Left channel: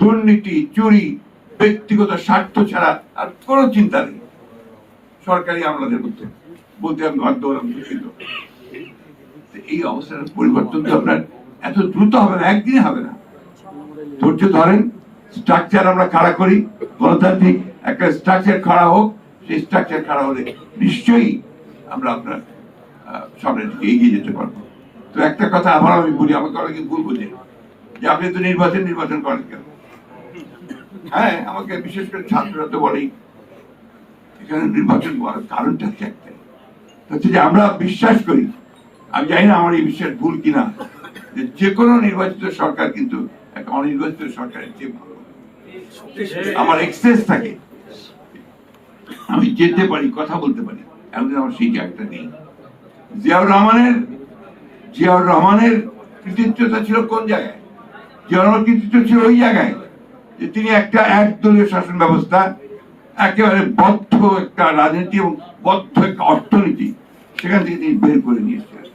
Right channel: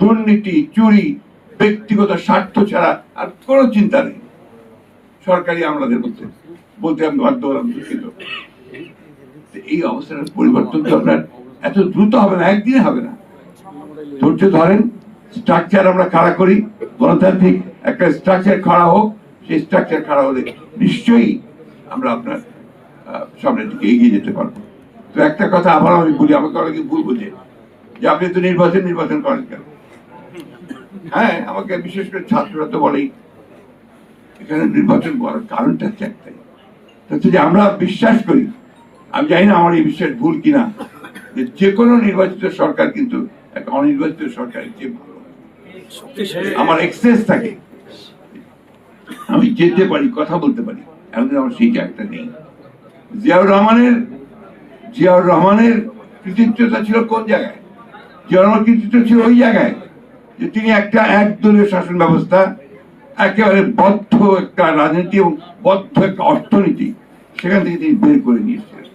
দুর্নীতি, চুরি, ব্যক্তিগত স্বার্থ ছাড়া আর কোনো চিন্তা নেই সরকারি আমলাদের মধ্যে। বলতে আমি বাধ্য হলাম, দুঃখিত। এই অবস্থার পরিবর্তন তো আপনার এত দ্রুত হবে না, একদিনে হবে না। ধৈর্য ধরেন, স্ট্রাকচার আমরা খাড়া করি, গণতান্ত্রিক একটা স্ট্রাকচার খাড়া হোক। সেই স্ট্রাকচার খাড়া হলে নিশ্চয়ই আমরা আপনার সামনের দিকে এগিয়ে যেতে পারবো। তো একটা কথা আবার আমি বলি, আমাকে অনেকে ভুল বোঝে যে আপনি তো নির্বাচন করেন কেন। হ্যাঁ, আমাকে বিশেষ করে ছাত্ররা তো বলেই এখানে নির্বাচন করার কারণটা একটাই, হচ্ছে যে আমরা বিশ্বাস করি, আমি জানি না আমার এই বিশ্বাস ভুল কিনা, যে কোনো নির্বাচিত সরকার কিন্তু একটা অনির্বাচিত সরকারের চেয়ে ভালো। আমার এক্সেস থাকে, আমি যেতে পারি, কথা বলতে পারি, এখন আমার সেই জায়গাটা নেই। জিয়াউর রহমানের কৃতিত্বটা ছিল কোন জায়গায়? জিয়াউর রহমানের কৃতিত্ব ছিল ওই জায়গায় যে তিনি একটা একদলীয় শাসন ব্যবস্থা, একেবারে বদ্ধ একটা রাজনীতি এবং বদ্ধ একটা অর্থনীতি, সেখান থেকে তিনি বের করে নিয়েছিলেন।